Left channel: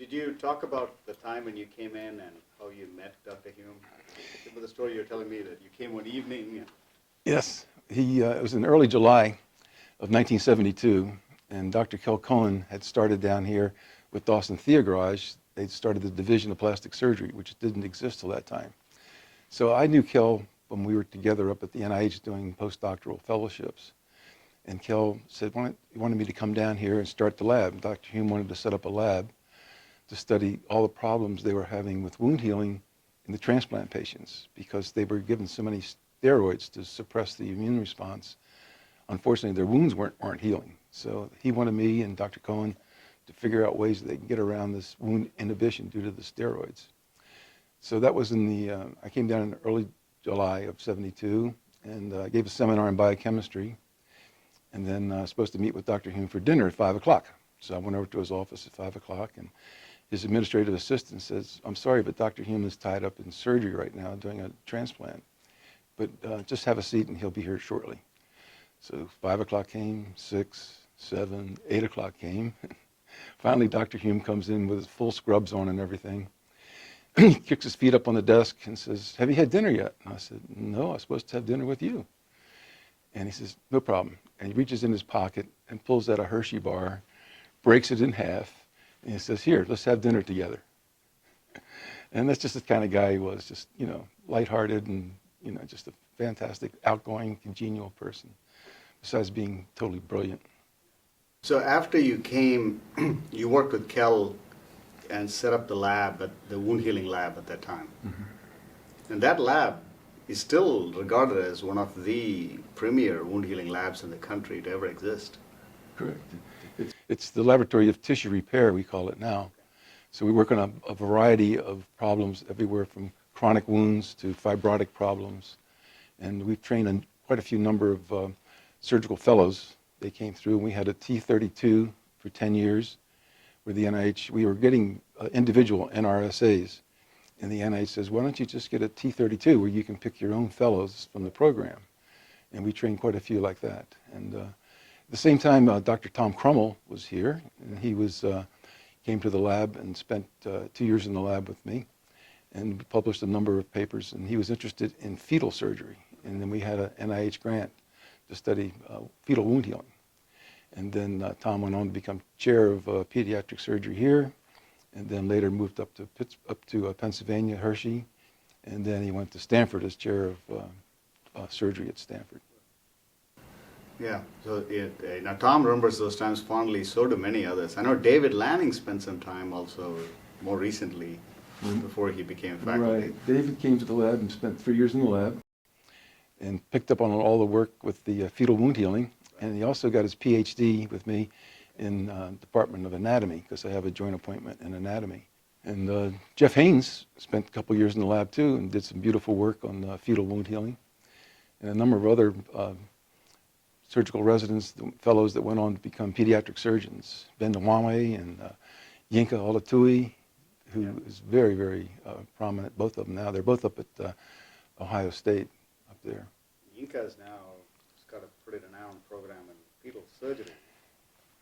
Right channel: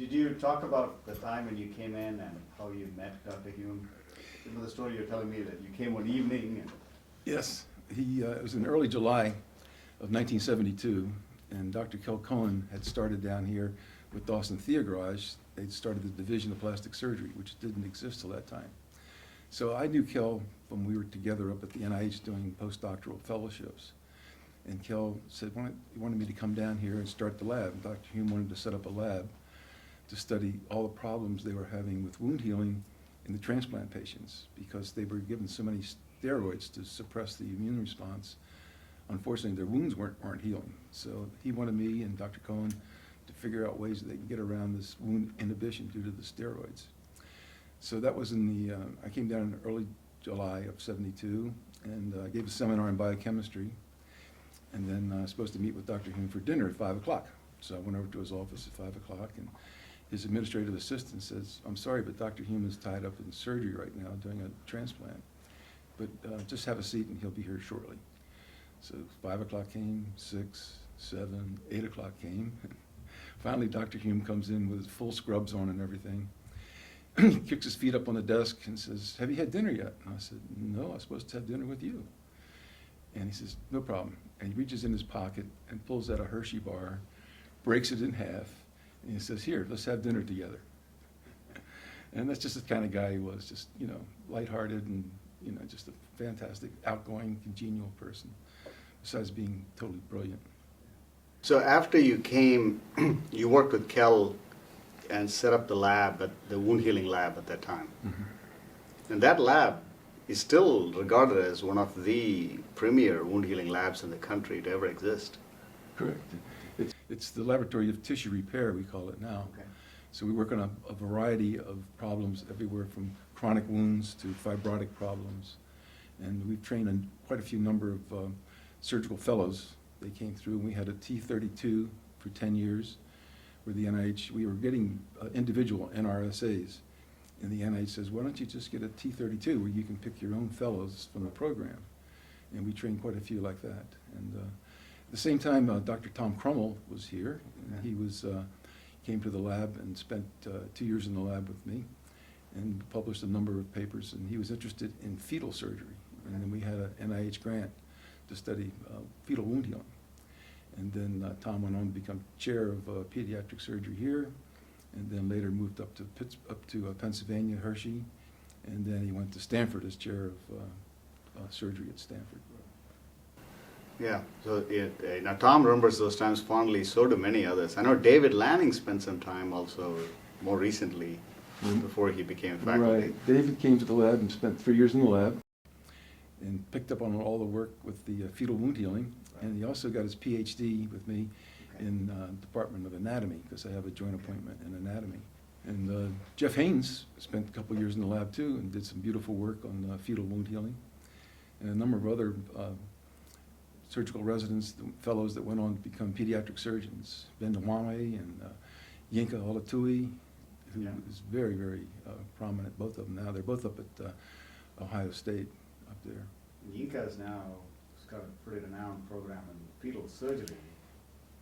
Did you talk about the time when you came in and how you met Dr. Hume? Remember the story you were telling me that you came one evening? And Yes, it was in early July of 1972, and Dr. Kel Cohen had started down here with Dawson Theogarage. They started the Division of Plastic Surgery, which didn't exist till that time. So I knew Kel when we were together up at the NIH doing postdoctoral fellowships. And Kel said, he wanted me to come down here and start the lab. Dr. Hume wanted to set up a lab to study all the problems they were having with wound healing in the transplant patients because they were given so many steroids to suppress the immune response. Unfortunately, their wounds weren't healing. So he wanted me and Dr. Cohen to figure out ways that they can get around this wound inhibition due to the steroids. So that was I came down in early July of '72 and gave a seminar in biochemistry, and then I was supposed to meet with Dr. Hume for dinner at 5 o'clock. So I went over to his office at 5 o'clock, and his administrative assistant says, "I'm sorry, but Dr. Hume is tied up in surgery right now doing a transplant. But just have a seat and he'll be here shortly." So 5 o'clock came, 6, 7, 8 o'clock came. Finally, Dr. Hume comes in with his full scrubs on and everything. He kicks his feet up on the desk and says, "Have you had dinner yet?" And I said, "No, I was supposed to have dinner with you." And he says, "No problem." And he reaches in his pocket and pulls out a Hershey bar, breaks it in half, and he says, "Here, let's have dinner together." And that's just the kind of guy he was, just, lighthearted and, just a fantastic, outgoing, congenial person, besides being totally brilliant. so after you came, you worked with Kel and set up the lab, the wound healing lab at that time. Mm-hmm. And that lab is still regarded as one of the premier wound healing labs in the country to ever exist. Correct. It's the laboratory of tissue repair, we call it now. Okay. So we work on a variety of problems, everywhere from chronic wounds to fibrotic problems. And we've trained quite a few number of surgical fellows. They came through, and we had a T32 for 10 years with the NIH. We were getting individual NRSAs. And the NIH says, "Why don't you just get a T32 where you can pick your own fellows from the program?" And we trained quite a few like that. And at the same time, Dr. Tom Crummell was here. And he came to the lab and spent 2 years in the lab with me and published a number of papers. And he was interested in fetal surgery. And then we had an NIH grant to study fetal wound healing. And then Tom went on to become chair of pediatric surgery here, and then later moved up to Pennsylvania, Hershey, and then he went to Stanford as chair of surgery at Stanford. Yeah, so now Tom remembers those times fondly, so do many others. I know David Lanning spent some time also more recently before he became faculty. Right, David came to the lab and spent 3 years in the lab and picked up on all the work with the fetal wound healing. And he also got his Ph.D. with me in Department of Anatomy, because I have a joint appointment in anatomy. And Jeff Haynes spent a couple years in the lab too and did some beautiful work on fetal wound healing. And a number of other surgical residents, fellows that went on to become pediatric surgeons. Ben Nwame and Yinka Olatui, who is very, very prominent, both of them now. They're both up at Ohio State up there. Yinka's now got a pretty renowned program in fetal surgery.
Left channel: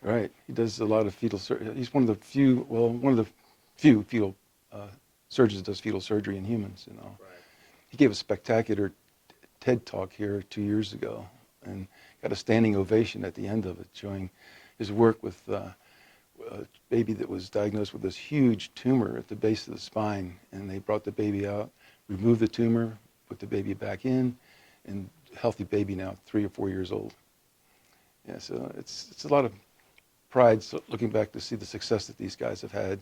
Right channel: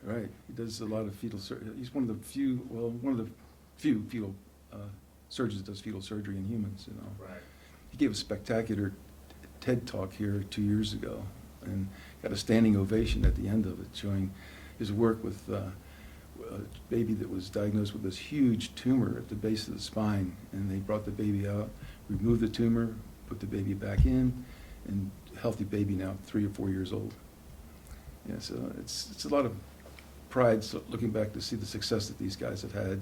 Right, he does a lot of fetal surgery. He's one of the few fetal surgeons that does fetal surgery in humans. Right. He gave a spectacular TED talk here 2 years ago, and got a standing ovation at the end of it, showing his work with a baby that was diagnosed with this huge tumor at the base of the spine, and they brought the baby out, removed the tumor, put the baby back in, and healthy baby now, 3 or 4 years old. Yeah, so it's a lot of pride looking back to see the success that these guys have had,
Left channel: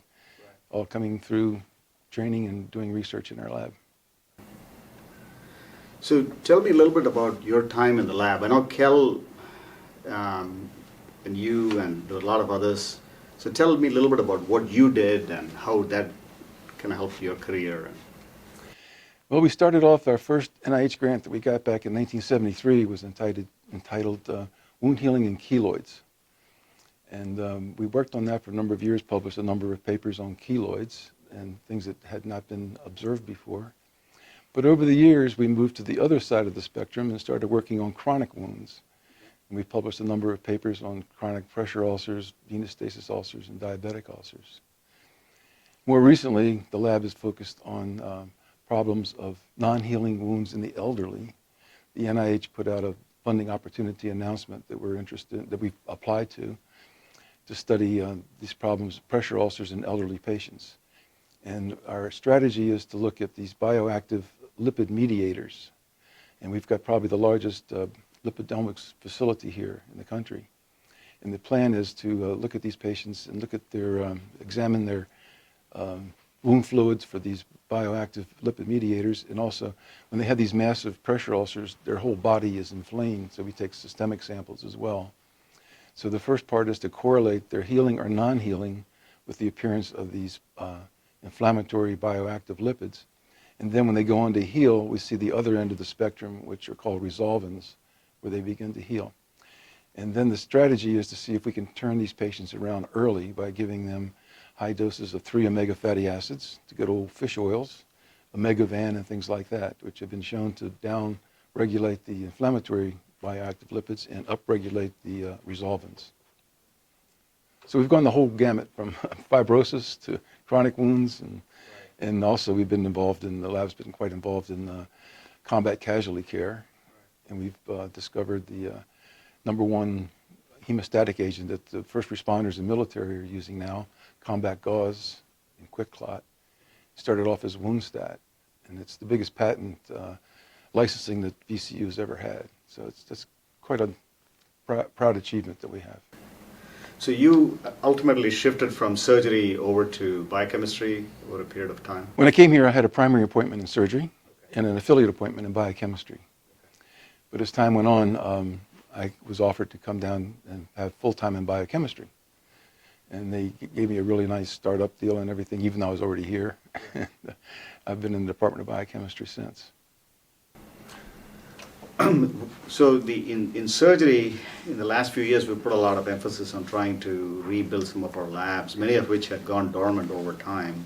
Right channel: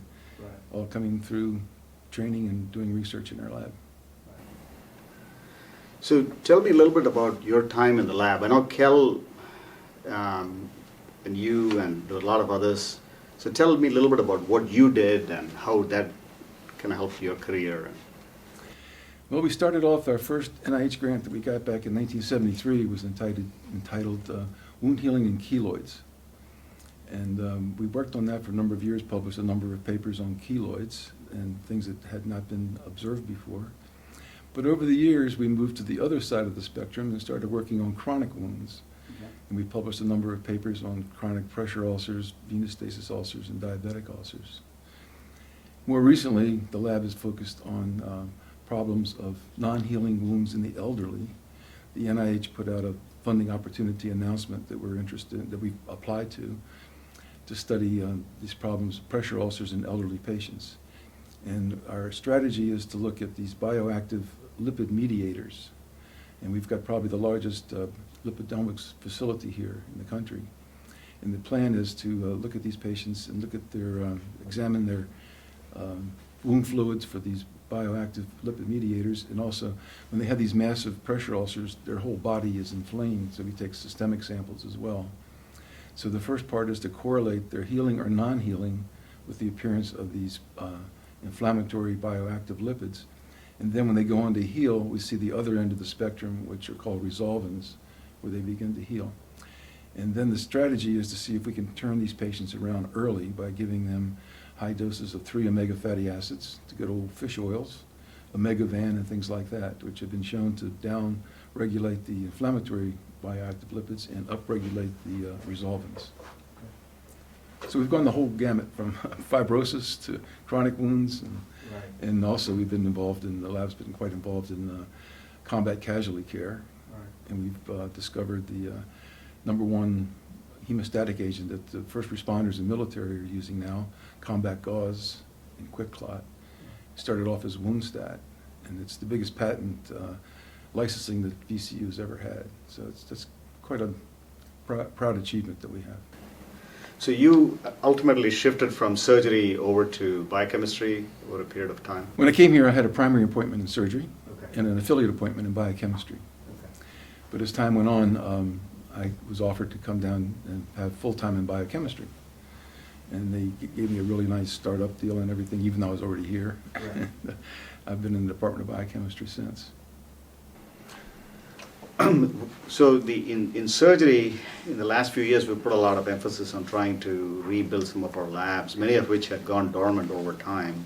all coming through training and doing research in our lab. So tell me a little bit about your time in the lab. I know Kel and you and a lot of others. So tell me a little bit about what you did and how that kind of helped your career. Well, we started off, our first NIH grant that we got back in 1973 was entitled Wound Healing in Keloids. And we worked on that for a number of years, published a number of papers on keloids and things that had not been observed before. But over the years, we moved to the other side of the spectrum and started working on chronic wounds. Okay. And we published a number of papers on chronic pressure ulcers, venous stasis ulcers, and diabetic ulcers. More recently, the lab is focused on problems of non-healing wounds in the elderly. The NIH put out a funding opportunity announcement that we're interested, that we applied to study these problems, pressure ulcers in elderly patients. And our strategy is to look at these bioactive lipid mediators. And we've got probably the largest lipidomics facility here in the country. And the plan is to look at these patients and look at their, examine their wound fluids for these bioactive lipid mediators. And also, when they have these massive pressure ulcers, their whole body is inflamed. So we take systemic samples as well. So the first part is to correlate their healing or non-healing with the appearance of these inflammatory bioactive lipids. And then when they go on to heal, we see the other end of the spectrum, which are called resolvins, where they begin to heal. And then the strategy is to see if we can turn these patients around early by giving them high doses of 3 omega fatty acids, to good old fish oils, omega-van and things like that, which have been shown to down-regulate the inflammatory bioactive lipids and upregulate the resolvins. So we've gone the whole gamut from fibrosis to chronic wounds, and also we've been involved in, the lab's been quite involved in combat casualty care, and we've discovered the #1 hemostatic agent that the first responders and military are using now, combat gauze and quick clot. Started off as Woundstat, and it's the biggest patent licensing that VCU has ever had. So it's quite a proud achievement that we have. So you ultimately shifted from surgery over to biochemistry over a period of time? When I came here, I had a primary appointment in surgery Okay. and an affiliate appointment in biochemistry. Okay. But as time went on, I was offered to come down and have full-time in biochemistry. And they gave me a really nice startup deal and everything, even though I was already here. Right. I've been in the Department of Biochemistry since. So in surgery, in the last few years, we've put a lot of emphasis on trying to rebuild some of our labs, many of which had gone dormant over time.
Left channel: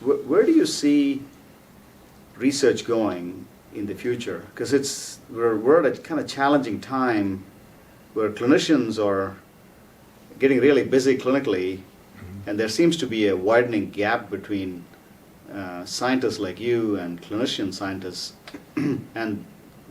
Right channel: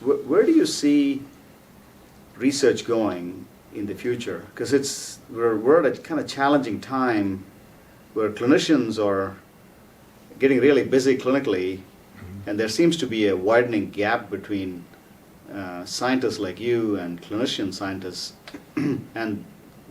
Where do you see research going in the future? Because we're at a kind of challenging time where clinicians are getting really busy clinically, and there seems to be a widening gap between scientists like you and clinician scientists, and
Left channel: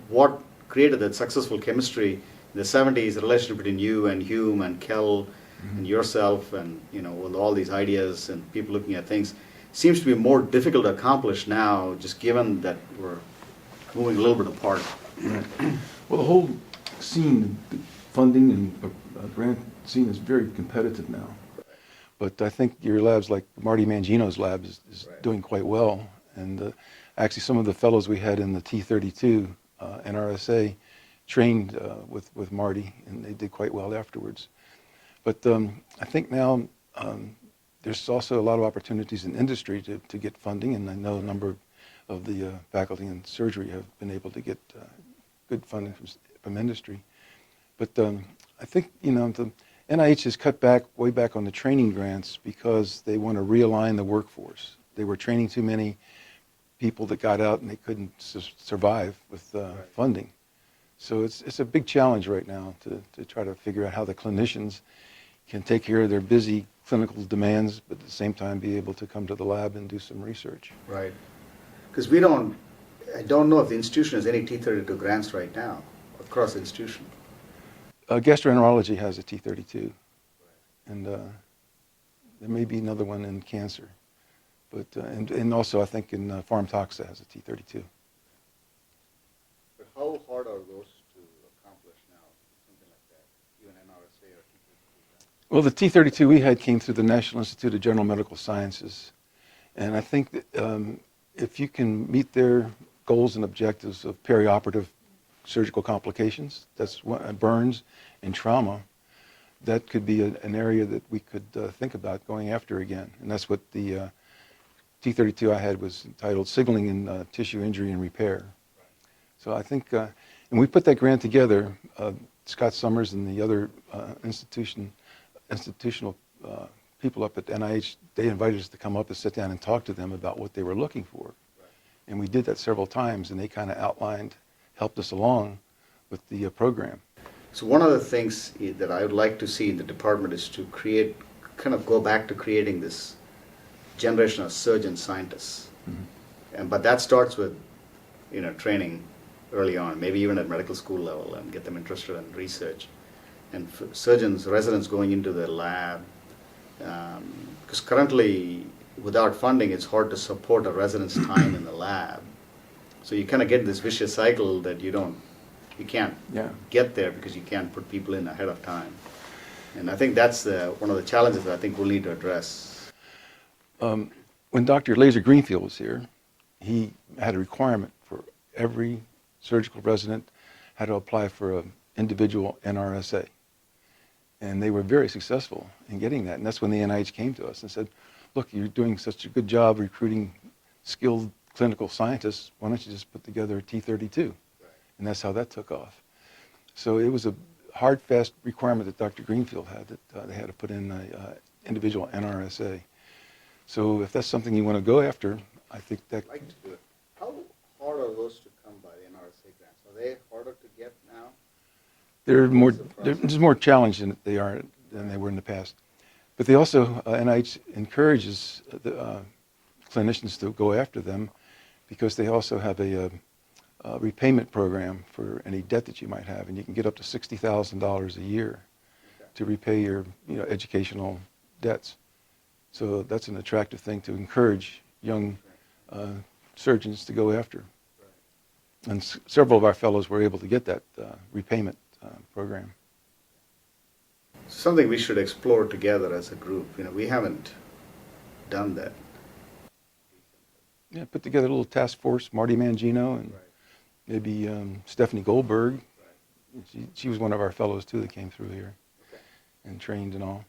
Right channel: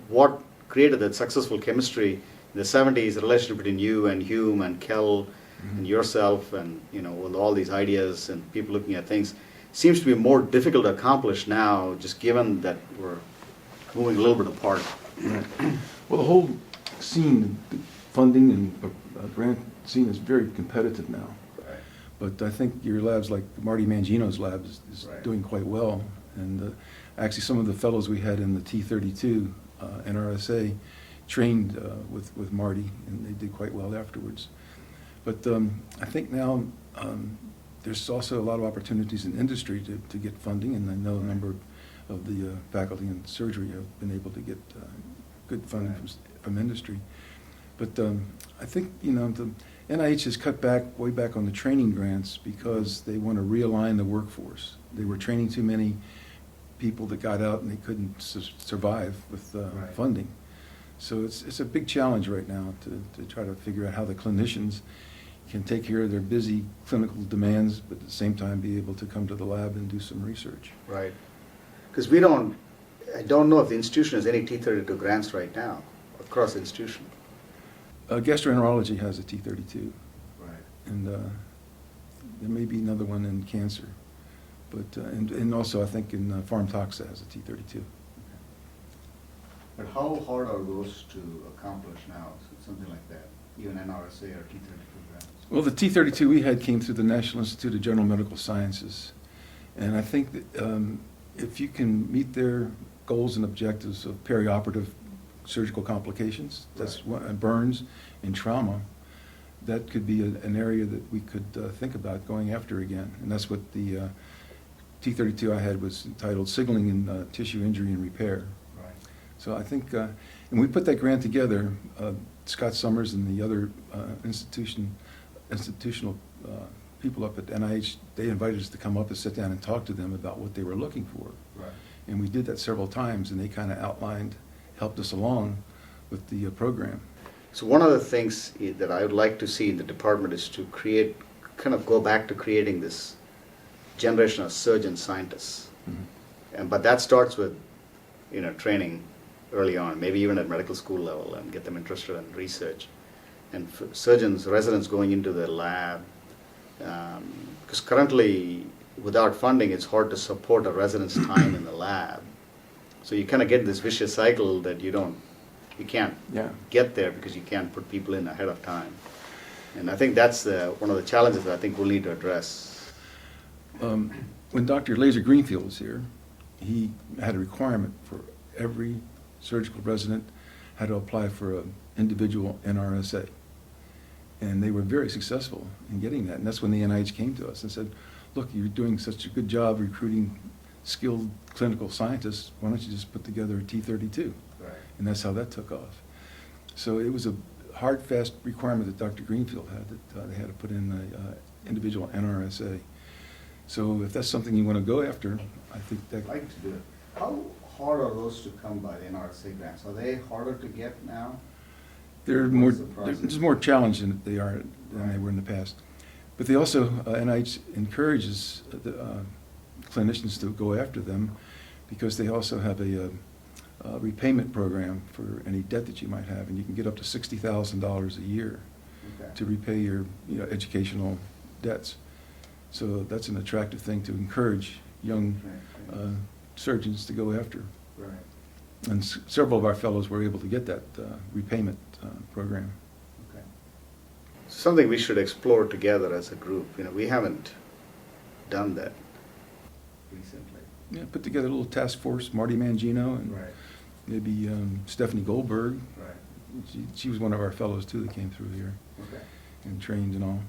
what created that successful chemistry in the 70s, the relationship between you and Hume and Kell and yourself, and with all these ideas and people looking at things, seems to be more difficult to accomplish now, just given that we're moving a little bit apart. Right. Well, the whole scene, the funding and grant scene is very competitive now. But I think your labs, like Marty Mangino's lab, is Right. doing quite well. And actually, some of the fellows we had in the T32 NRSA trained with Marty, and they did quite well afterwards. But I think now there's also a lot of opportunities in industry to get funding, and I know a number of the faculty in surgery have been able to get good funding from industry. But I think, the NIH has cut back, way back on the training grants because they want to realign the workforce. They were training too many people that got out and they couldn't survive with funding. So it's a big challenge right now to try to figure out how the clinicians can take care of their busy clinical demands, but at the same time be able to come to the lab and do some research. Right. Because I don't know if the institution has any T32 grants right now, across the institution. Gastroenterology has a T32, Right. and there may be another one in cancer, but and also I think in Pharm Toxa has a T32. But how hard are those to accomplish now, something like that, even NRSA or T32 grants? Well, the T32 we had came through the National Institute of General Medical Sciences, and I think that if you can meet their goals and objectives of perioperative surgical complications, that's what, burns and trauma, that could be an area that we could think about going after again. And that's what the T32 I had was entitled Signaling in Tissue Injury and Repair. Right. So I think, and we put that grant together, Scott Summers and the other institutional people up at NIH, they invited us to come up and sit down and talk to them about what they were looking for. Right. And we did that several times, and they kind of helped us along with the program. So one of the things that I would like to see in the department is to create kind of go back to creating this generation of surgeon scientists. But that starts with, training early on, maybe even at medical school level, and get them interested in research. And surgeons, residents going into the lab, because currently, without funding, it's hard to support a resident's time in the lab. So you kind of get this vicious cycle that you can't get there because you can't put people in ahead of time. And I think that's one of the challenges that I think we'll need to address. When Dr. Laser Greenfield was here, he had a requirement for every surgical resident had to apply for an individual NRSA. And they were very successful in getting that. And that's when the NIH came to us and said, look, you're doing such a good job recruiting skilled clinical scientists, why don't you just put together a T32? Right. And that's how that took off. So it was a hard, fast requirement that Dr. Greenfield had, that they had to put in an individual NRSA. So if that's something you want to go after, I think that... I'd like to do it. How hard are those to come by, the NRSA grants? Are they harder to get now? They're just more challenged than they were in the past. But they also, NIH encourages the clinicians to go after them because they also have a repayment program for any debt that you might have, and you can get up to $60,000 a year to repay your educational debts. So that's an attractive thing to encourage young surgeons to go after. Right. And several of our fellows were able to get that repayment program. Okay. Something we should explore together as a group. We haven't done that recently. Yeah, put together a little task force, Marty Mangino and maybe Stephanie Goldberg. Right. She was one of our fellows too that came through here and trained and all.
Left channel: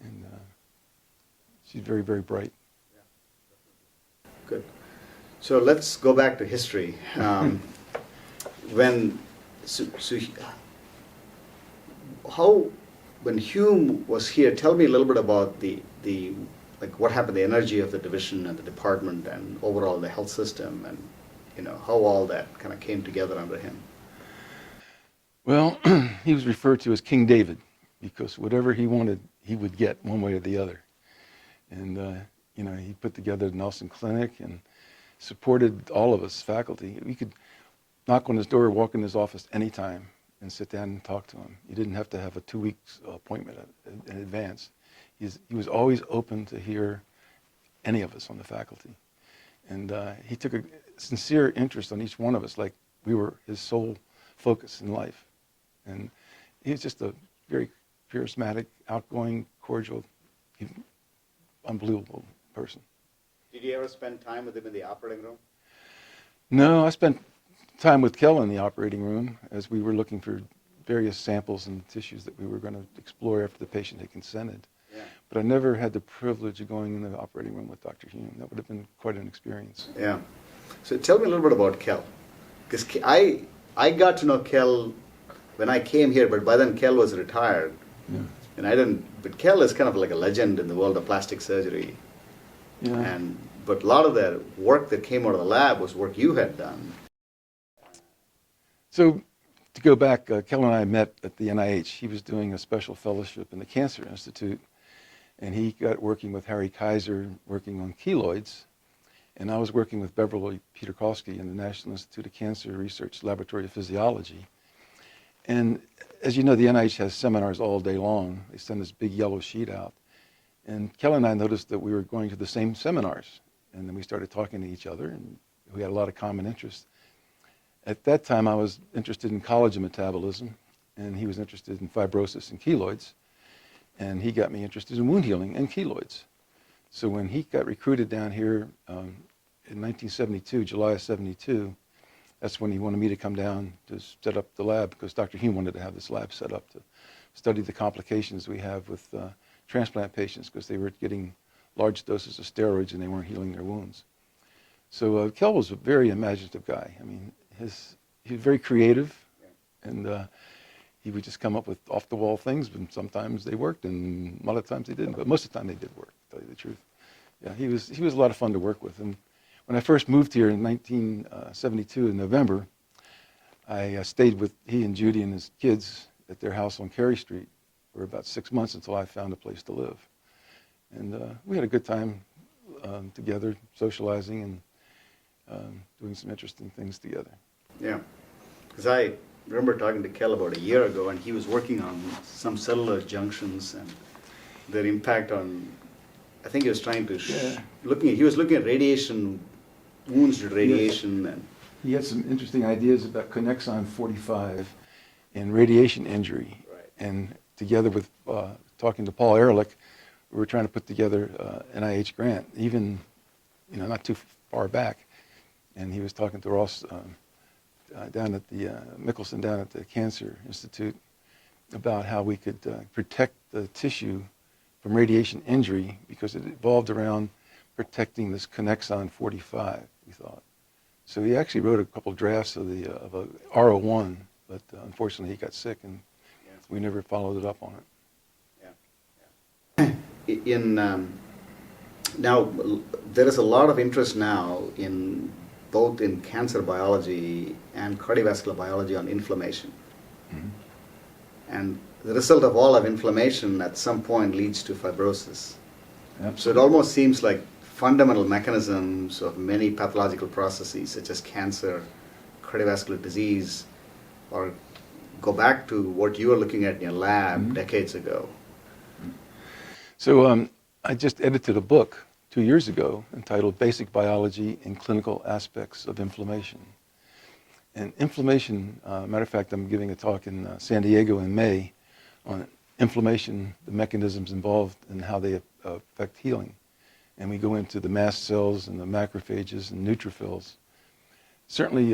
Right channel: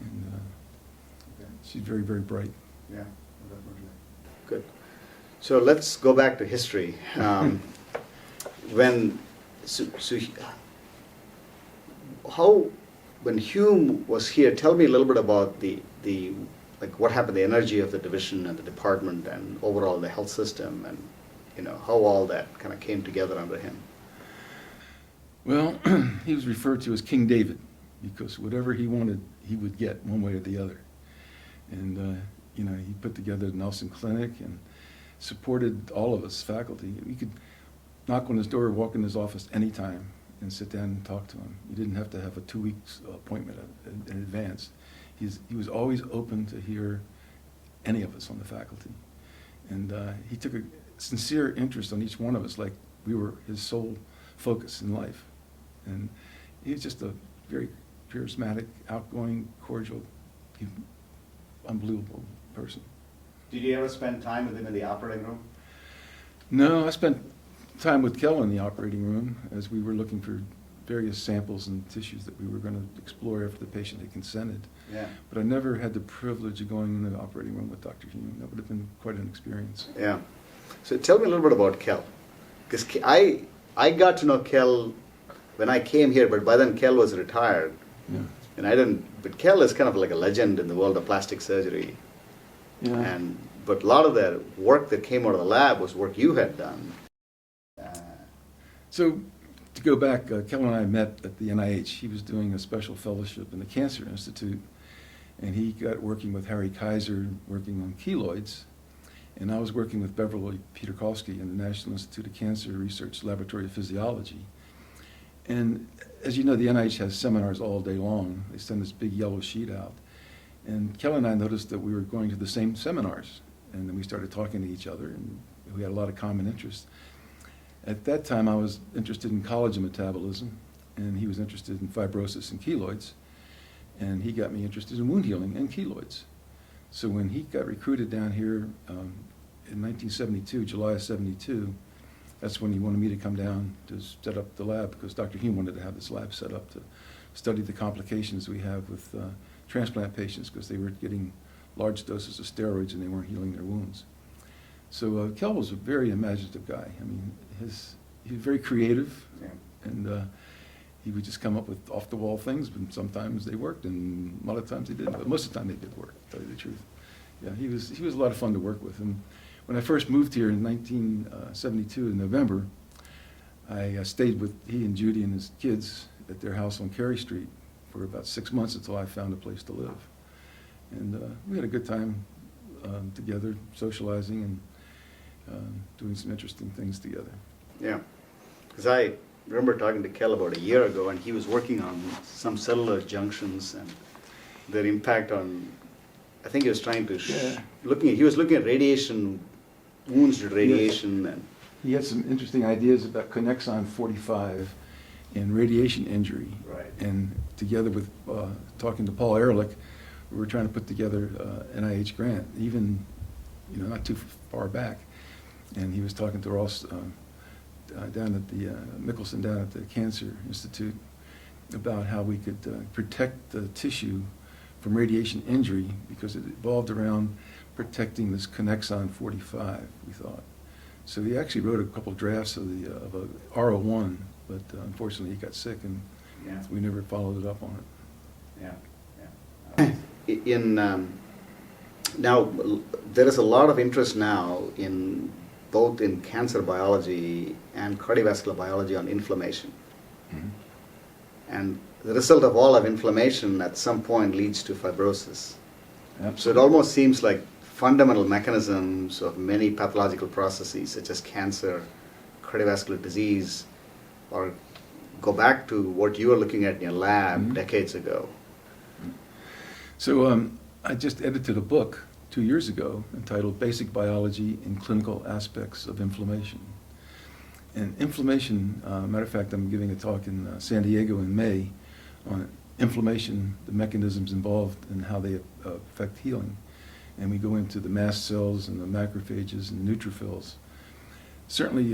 And she's very, very bright. Yeah, definitely. Good. So let's go back to history. When Hume was here, tell me a little bit about what happened, the energy of the division and the department and overall the health system, and how all that kind of came together under him. Well, he was referred to as King David because whatever he wanted, he would get one way or the other. And he put together the Nelson Clinic and supported all of us faculty. We could knock on his door, walk in his office anytime and sit down and talk to him. You didn't have to have a 2 weeks appointment in advance. He was always open to hear any of us on the faculty. And he took a sincere interest in each one of us, like we were his sole focus in life. And he was just a very charismatic, outgoing, cordial, unbelievable person. Did you ever spend time with him in the operating room? No, I spent time with Kel in the operating room as we were looking for various samples and tissues that we were going to explore after the patient had consented. Yeah. But I never had the privilege of going in the operating room with Dr. Hume. That would have been quite an experience. Yeah. So tell me a little bit about Kel. Because I got to know Kel when I came here, but by then Kel was retired. Yeah. And but Kel is kind of like a legend in the world of plastic surgery. Yeah. But a lot of the work that came out of the lab was work you had done. So to go back, Kel and I met at the NIH. He was doing a special fellowship in the Cancer Institute, and he got working with Harry Kaiser, working on keloids, and I was working with Beverly Peterkowski in the National Institute of Cancer Research Laboratory of Physiology. And as you know, the NIH has seminars all day long. They send this big yellow sheet out. And Kel and I noticed that we were going to the same seminars, and then we started talking to each other, and we had a lot of common interests. At that time, I was interested in collagen metabolism, and he was interested in fibrosis and keloids, and he got me interested in wound healing and keloids. So when he got recruited down here in 1972, July of 72, that's when he wanted me to come down to set up the lab, because Dr. Hume wanted to have this lab set up to study the complications we have with transplant patients, because they were getting large doses of steroids and they weren't healing their wounds. So Kel was a very imaginative guy. I mean, he was very creative, and he would just come up with off-the-wall things, but sometimes they worked, and a lot of times they didn't, but most of the time they did work, to tell you the truth. Yeah, he was a lot of fun to work with. And when I first moved here in 1972 in November, I stayed with he and Judy and his kids at their house on Cary Street for about 6 months until I found a place to live. And we had a good time together, socializing and doing some interesting things together. Yeah, because I remember talking to Kel about a year ago, and he was working on some cellular junctions and their impact on, I think he was trying to, he was looking at radiation, wounds to radiation. Yes. And he had some interesting ideas about connexon 45 and radiation injury. Right. And together with talking to Paul Ehrlich, we were trying to put together an NIH grant, even not too far back. And he was talking to Ross down at the Mickelson down at the Cancer Institute about how we could protect the tissue from radiation injury, because it evolved around protecting this connexon 45, we thought. So he actually wrote a couple drafts of a RO1, but unfortunately he got sick and we never followed it up on it. Now, there is a lot of interest now in both in cancer biology and cardiovascular biology on inflammation. Mm-hmm. And the result of all of inflammation at some point leads to fibrosis. Absolutely. So it almost seems like fundamental mechanisms of many pathological processes, such as cancer, cardiovascular disease, or go back to what you were looking at in your lab Mm-hmm. decades ago. So I just edited a book 2 years ago entitled Basic Biology and Clinical Aspects of Inflammation. And inflammation, matter of fact, I'm giving a talk in San Diego in May on inflammation, the mechanisms involved and how they affect healing. And we go into the mast cells and the macrophages and neutrophils. Certainly,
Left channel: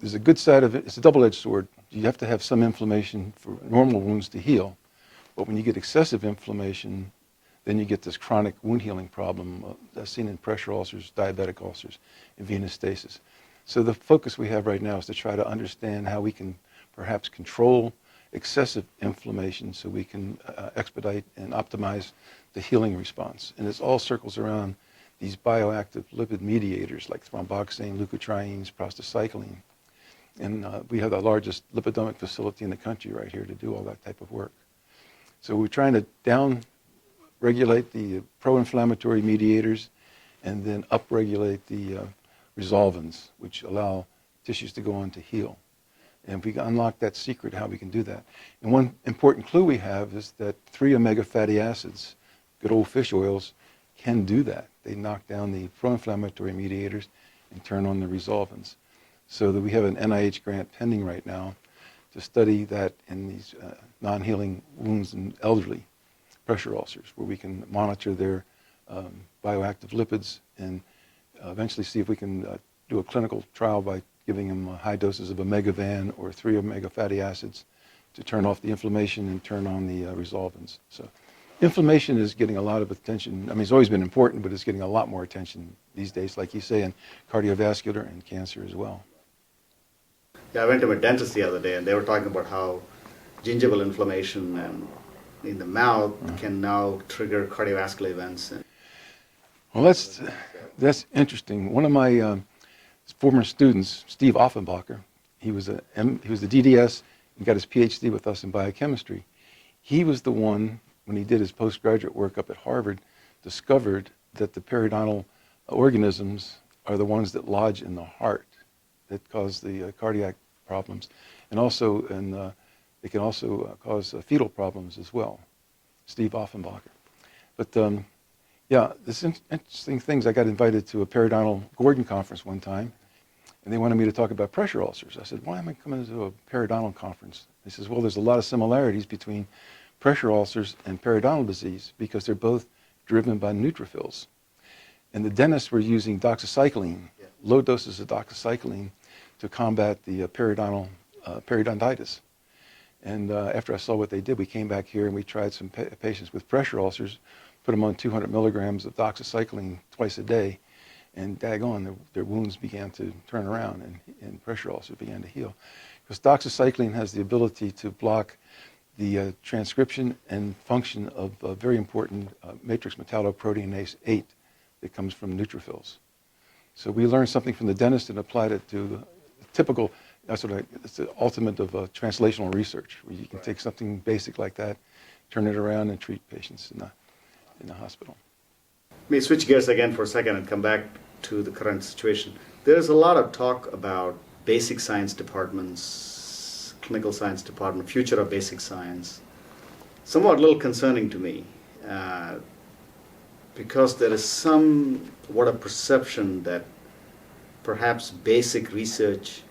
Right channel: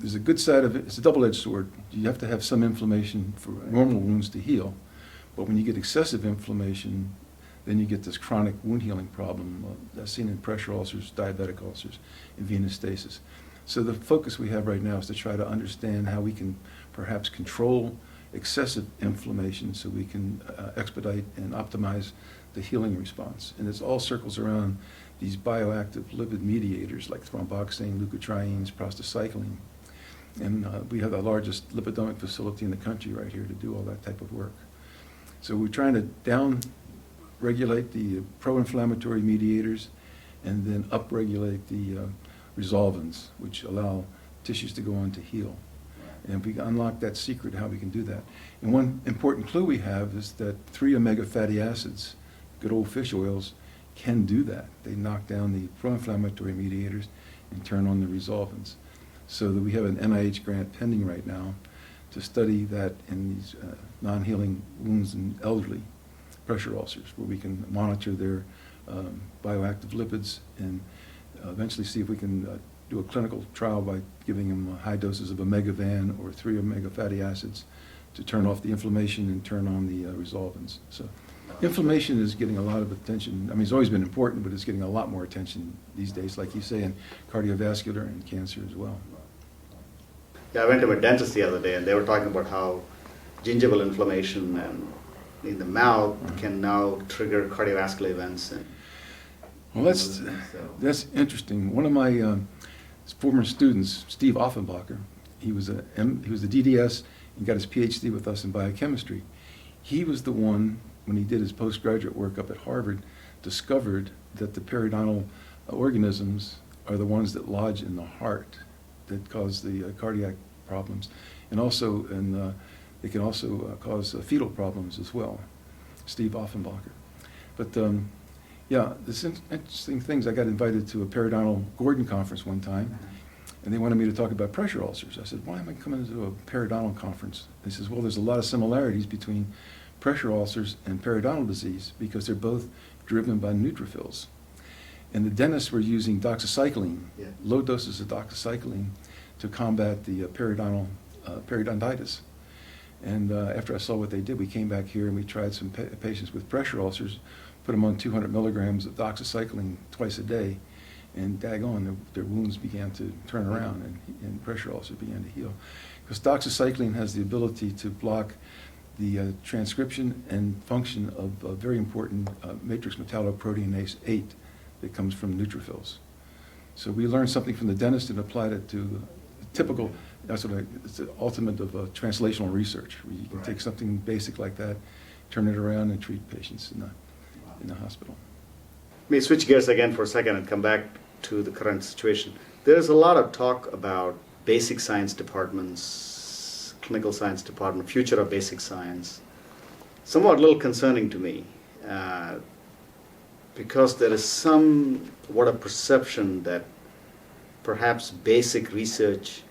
there's a good side of it. It's a double-edged sword. You have to have some inflammation for normal wounds to heal. But when you get excessive inflammation, then you get this chronic wound healing problem that's seen in pressure ulcers, diabetic ulcers, and venous stasis. So the focus we have right now is to try to understand how we can perhaps control excessive inflammation so we can expedite and optimize the healing response. And it all circles around these bioactive lipid mediators like thromboxane, leukotrienes, prostacycline. And we have the largest lipidomic facility in the country right here to do all that type of work. So we're trying to down-regulate the pro-inflammatory mediators and then up-regulate the resolvins, which allow tissues to go on to heal. And if we unlock that secret, how we can do that. And one important clue we have is that 3 omega fatty acids, good old fish oils, can do that. They knock down the pro-inflammatory mediators and turn on the resolvins. So that we have an NIH grant pending right now to study that in these non-healing wounds in elderly pressure ulcers, where we can monitor their bioactive lipids and eventually see if we can do a clinical trial by giving them high doses of omegavan or 3 omega fatty acids to turn off the inflammation and turn on the resolvins. So inflammation is getting a lot of attention. I mean, it's always been important, but it's getting a lot more attention these days, like you say, in cardiovascular and cancer as well. Yeah, I went to my dentist the other day, and they were talking about how gingival inflammation and in the mouth can now trigger cardiovascular events. And well, that's interesting. One of my former students, Steve Offenbacher, he was the DDS and got his Ph.D. with us in biochemistry. He was the one, when he did his postgraduate work up at Harvard, discovered that the periodontal organisms are the ones that lodge in the heart that cause the cardiac problems, and also they can also cause fetal problems as well. Steve Offenbacher. But yeah, this interesting things. I got invited to a periodontal Gordon conference one time, and they wanted me to talk about pressure ulcers. I said, why am I coming to a periodontal conference? He says, well, there's a lot of similarities between pressure ulcers and periodontal disease because they're both driven by neutrophils. And the dentists were using doxycycline, low doses of doxycycline, to combat the periodontitis. And after I saw what they did, we came back here and we tried some patients with pressure ulcers, put them on 200 milligrams of doxycycline twice a day, and daggone, their wounds began to turn around and pressure ulcers began to heal. Because doxycycline has the ability to block the transcription and function of a very important matrix metalloproteinase 8 that comes from neutrophils. So we learned something from the dentist and applied it to typical, it's the ultimate of translational research, where you can take something basic like that turn it around and treat patients in the hospital. Let me switch gears again for a second and come back to the current situation. There's a lot of talk about basic science departments, clinical science department, future of basic science. Somewhat a little concerning to me because there is somewhat a perception that perhaps basic research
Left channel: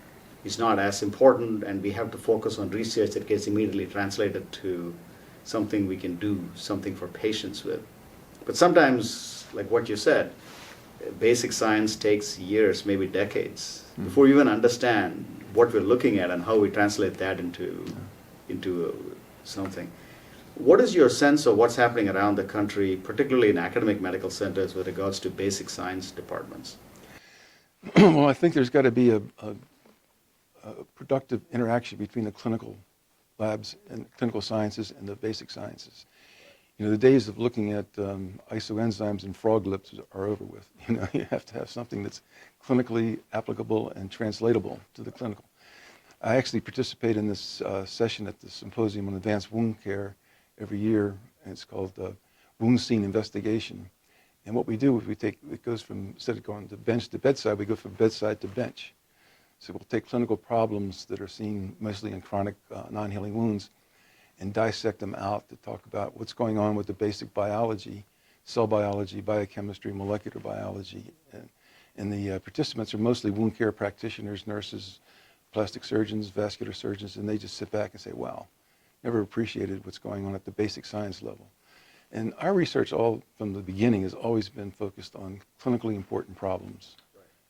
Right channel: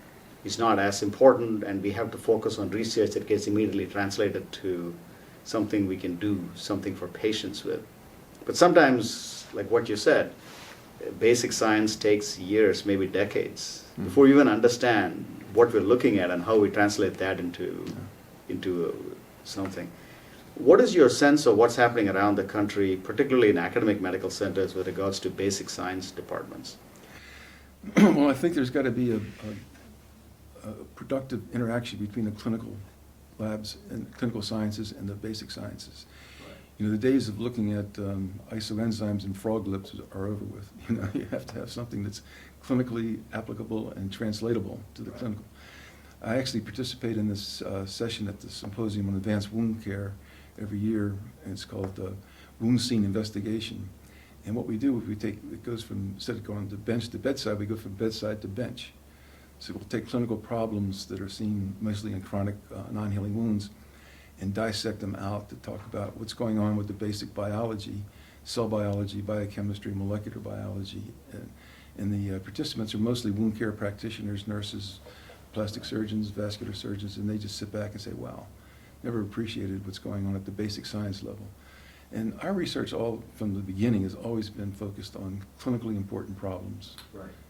is not as important and we have to focus on research that gets immediately translated to something we can do something for patients with. But sometimes, like what you said, basic science takes years, maybe decades, before you even understand what we're looking at and how we translate that into something. What is your sense of what's happening around the country, particularly in academic medical centers with regards to basic science departments? Well, I think there's got to be a productive interaction between the clinical labs and clinical sciences and the basic sciences. You know, the days of looking at isoenzymes and frog lips are over with. You know, you have to have something that's clinically applicable and translatable to the clinical. I actually participate in this session at the Symposium on Advanced Wound Care every year, and it's called Wound Scene Investigation. And what we do is it goes from, instead of going to bench to bedside, we go from bedside to bench. So we'll take clinical problems that are seen mostly in chronic non-healing wounds and dissect them out to talk about what's going on with the basic biology, cell biology, biochemistry, molecular biology. And the participants are mostly wound care practitioners, nurses, plastic surgeons, vascular surgeons, and they just sit back and say, wow, never appreciated what's going on at the basic science level. And our research all from the beginning has always been focused on clinically important problems,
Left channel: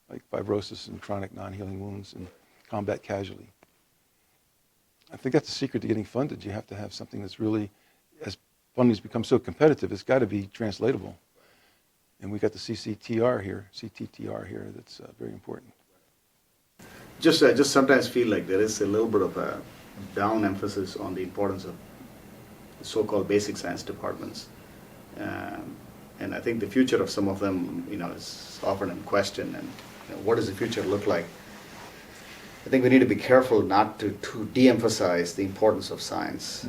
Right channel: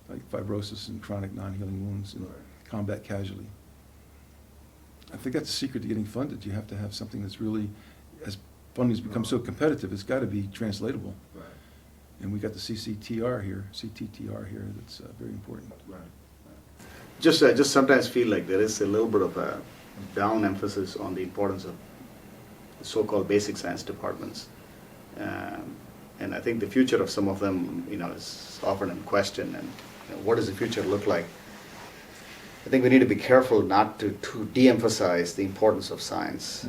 like fibrosis and chronic non-healing wounds and combat casualty. I think that's the secret to getting funded. You have to have something that's really, as funding's become so competitive, it's got to be translatable. And we got the CTTR here that's very important. Just sometimes feel like there is a little bit of a down emphasis on the importance of the so-called basic science departments. And I think the future of some of them, is often in question. And what does the future look like? I think we need to be careful not to de-emphasize the importance of science.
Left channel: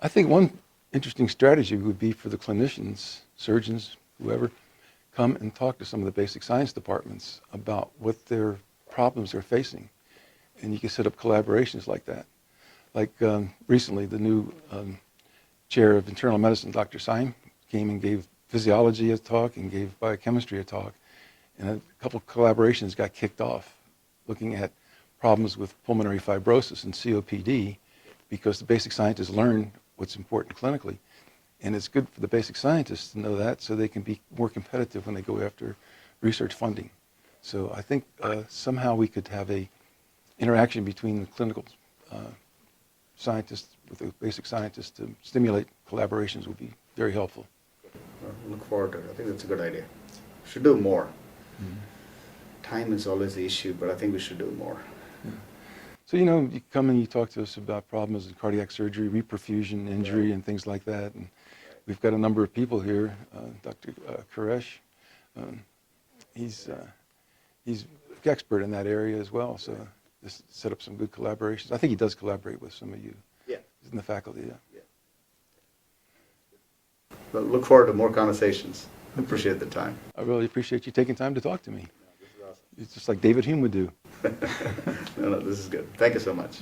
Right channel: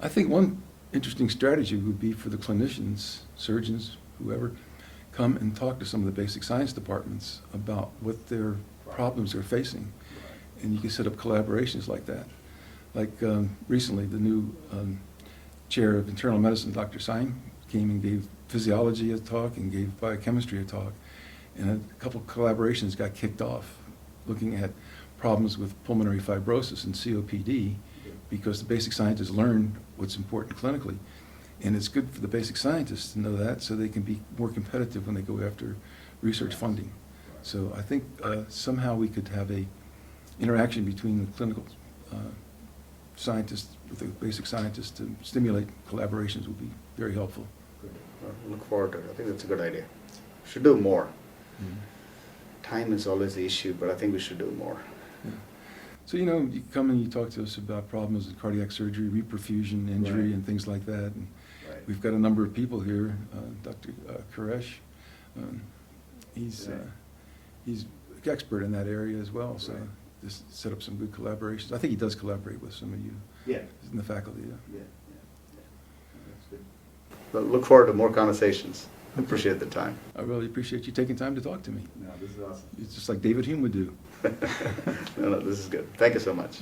I think one interesting strategy would be for the clinicians, surgeons, whoever, come and talk to some of the basic science departments about what their problems they're facing. And you can set up collaborations like that. Like recently, the new chair of internal medicine, Dr. Syme, came and gave physiology a talk and gave biochemistry a talk. And a couple of collaborations got kicked off looking at problems with pulmonary fibrosis and COPD because the basic scientists learn what's important clinically. And it's good for the basic scientists to know that so they can be more competitive when they go after research funding. So I think somehow we could have a interaction between the clinical scientists with the basic scientists to stimulate collaborations would be very helpful. Well, look forward to it. I think that's a good idea. Should do more. Time is always the issue, but I think we should do more. So, you come and you talk to us about problems in cardiac surgery, reperfusion, injury, and things like that. And we've got a number of people here. Dr. Quresh, he's an expert in that area as well. So just set up some good collaborations. I think he does collaborate with some of you in the faculty. That's good. Well, look forward to more conversations. I appreciate the time. I really appreciate you taking time to talk to me. No, this is awesome. It's just like David Hume would do. No, this is good. Thank you so much.